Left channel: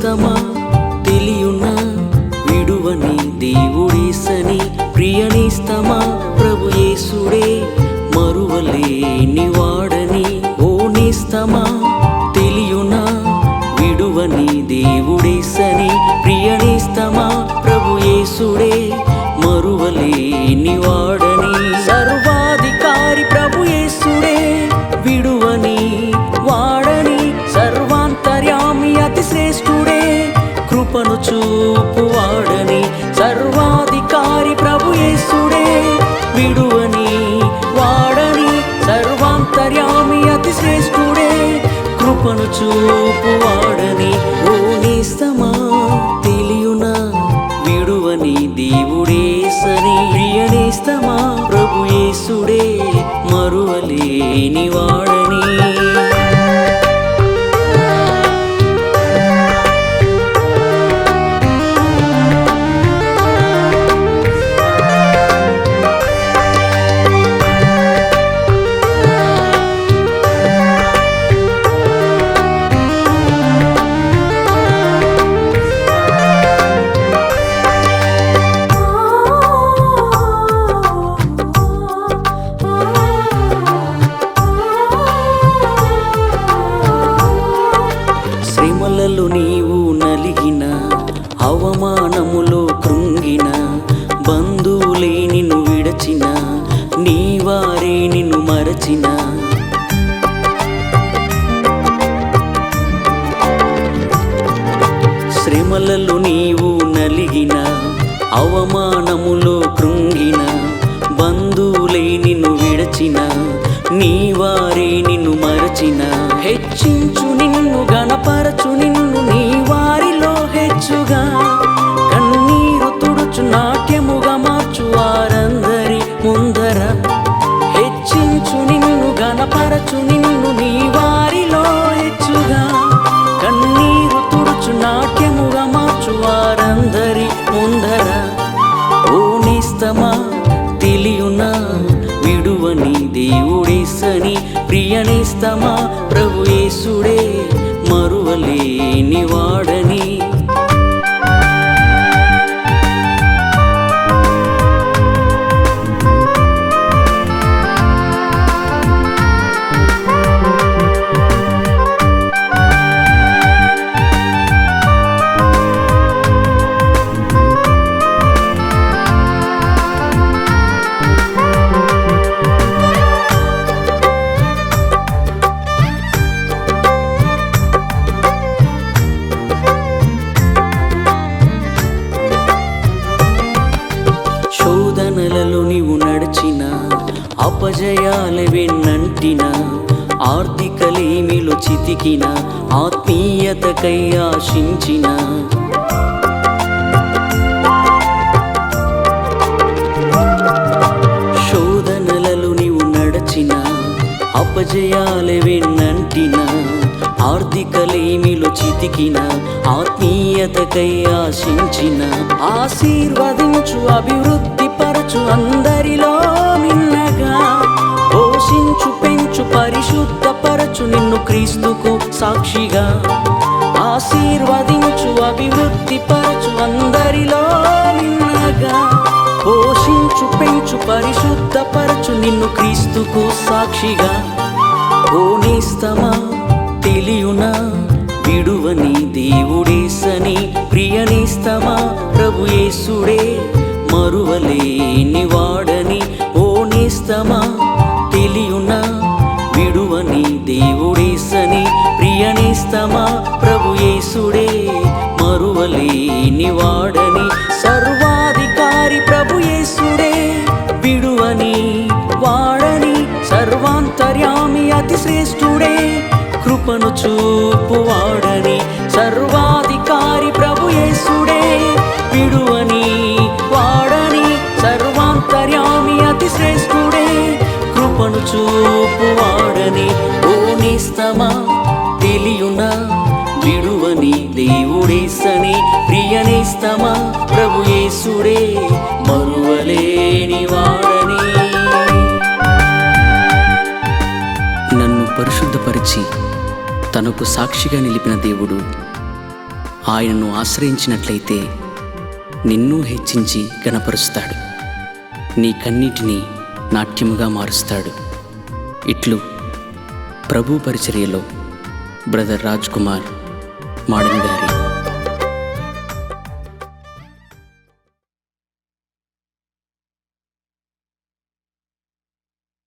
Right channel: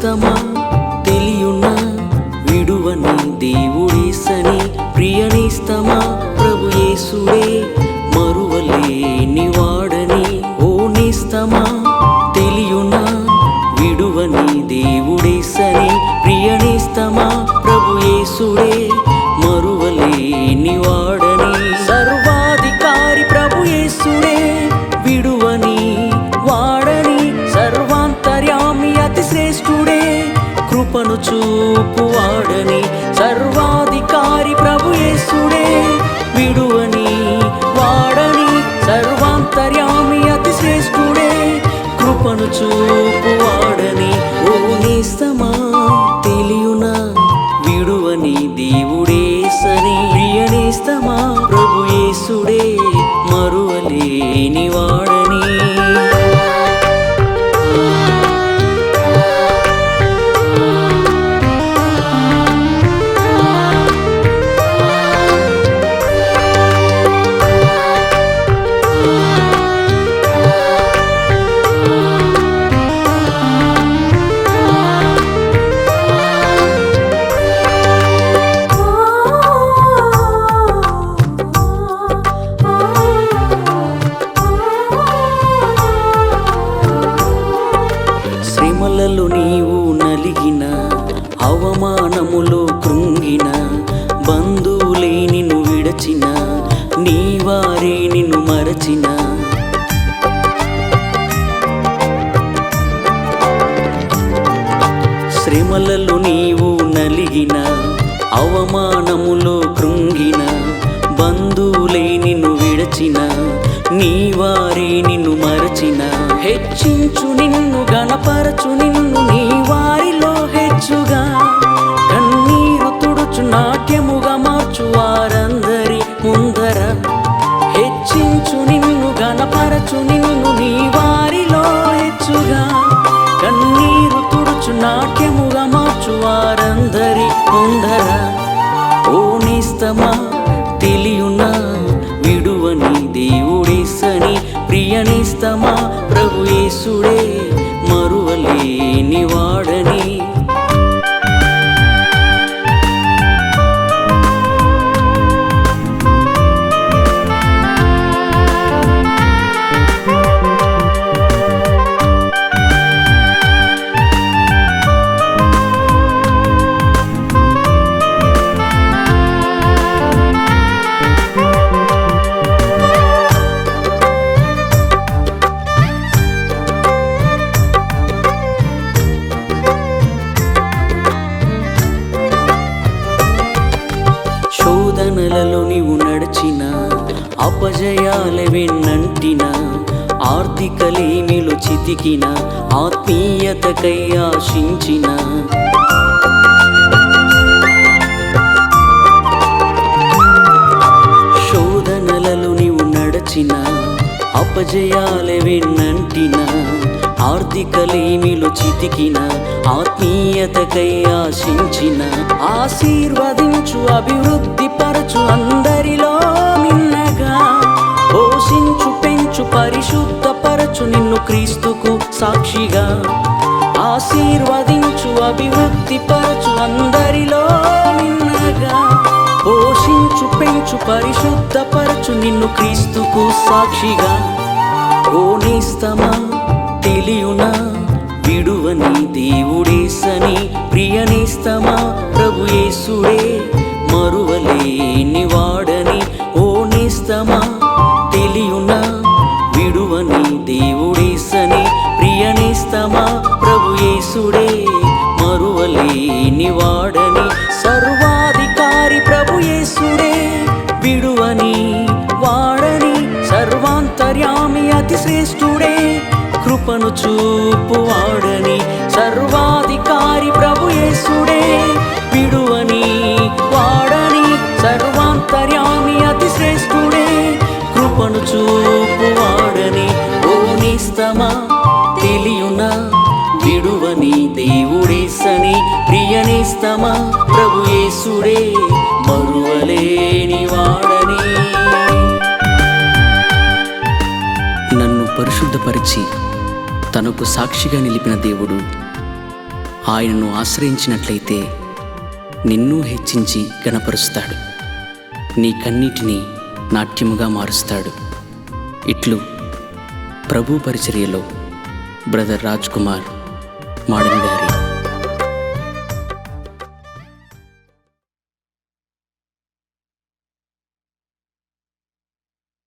నేస్తమా తెలియునా విడువని దేవుడేసని, ప్రియ నేస్తమా ప్రభు యేసుడే మరువలేని వాడని. ఓ నేస్తమా తెలియునా విడువని దేవుడేసని, ప్రియ నేస్తమా ప్రభు యేసుడే మరువలేని వాడని. సర్వాధికారి ప్రభు యేసుడే విడువని వాడని, సర్వాంతర్యామి అతి శ్రేష్ఠుడే కృపను చూపువాడని. సర్వాధికారి ప్రభు యేసుడే విడువని వాడని, సర్వాంతర్యామి అతి శ్రేష్ఠుడే కృపను చూపువాడని. ఓ నేస్తమా తెలియునా విడువని దేవుడేసని, ప్రియ నేస్తమా ప్రభు యేసుడే మరువలేని వాడని. శ్రమలలో నీవు నలిగిన, అవమానములో కృంగిన, బంధువులే నిన్ను విడచిన, నీ వారే నిన్ను మరచిన, శ్రమలలో నీవు నలిగిన, అవమానములో కృంగిన, బంధువులే నిన్ను విడచిన, నీ వారే నిన్ను మరచిన, హెచ్చించు నిన్ను గణపరచు నిన్ను నీ వారిలో హెచ్చుగా, కన్నీరు తుడుచు నాట్యముగా మార్చు వారందరి ముందర. హెచ్చించు నిన్ను గణపరచు నిన్ను నీ వారిలో హెచ్చుగా, కన్నీరు తుడుచు నాట్యముగా మార్చు వారందరి ముందర. ఓ నేస్తమా తెలియునా విడువని దేవుడేసని, ప్రియ నేస్తమా ప్రభు యేసుడే మరువలేని వాడని. శోధనలలో నీవు నడిచిన, అపజయాల వెన్నంటిన, ఆర్థికలేమిలో చితికిన, ఆత్మీయతకై ఆశించిన, శోధనలలో నీవు నడిచిన, అపజయాల వెన్నంటిన, ఆర్థికలేమిలో చితికిన, ఆత్మీయతకై ఆశించిన, ఆశీర్వదించు అభివృద్ధి పరచు అందరిలో మిన్నగా, పోషించు పెంచు పరిశుద్ధపరచు నిన్ను క్రీస్తుకు సాక్షిగా. ఆశీర్వదించు అభివృద్ధి పరచు అందరిలో మిన్నగా, పోషించు పెంచు పరిశుద్ధపరచు నిన్ను క్రీస్తుకు సాక్షిగా. ఓ నేస్తమా తెలియునా విడువని దేవుడేసని, ప్రియ నేస్తమా ప్రభు యేసుడే మరువలేని వాడని. ఓ నేస్తమా తెలియునా విడువని దేవుడేసని, ప్రియ నేస్తమా ప్రభు యేసుడే మరువలేని వాడని. సర్వాధికారి ప్రభు యేసుడే విడువని వాడని, సర్వాంతర్యామి అతి శ్రేష్ఠుడే కృపను చూపువాడని. సర్వాధికారి ప్రభు యేసుడే విడువని వాడని, సర్వాంతర్యామి అతి శ్రేష్ఠుడే కృపను చూపువాడని. ఓ నేస్తమా తెలియునా విడువని దేవుడేసని, ప్రియ నేస్తమా ప్రభు యేసుడే మరువలేని వాడని. నన్ను పరిశుద్ధపరిచి తనకు సాక్షిగా నిలిపిన దేవుడు ఆయనను ఆశ్రయించినట్లయితే నిన్ను హెచ్చించి గణపరుస్తాడు. నీ కన్నీటిని నాట్యముగా మారుస్తాడు. ఇట్లు ప్రభు పరిచర్యలో బ్రదర్ రాజ్ కుమార్ మాడన్ గారి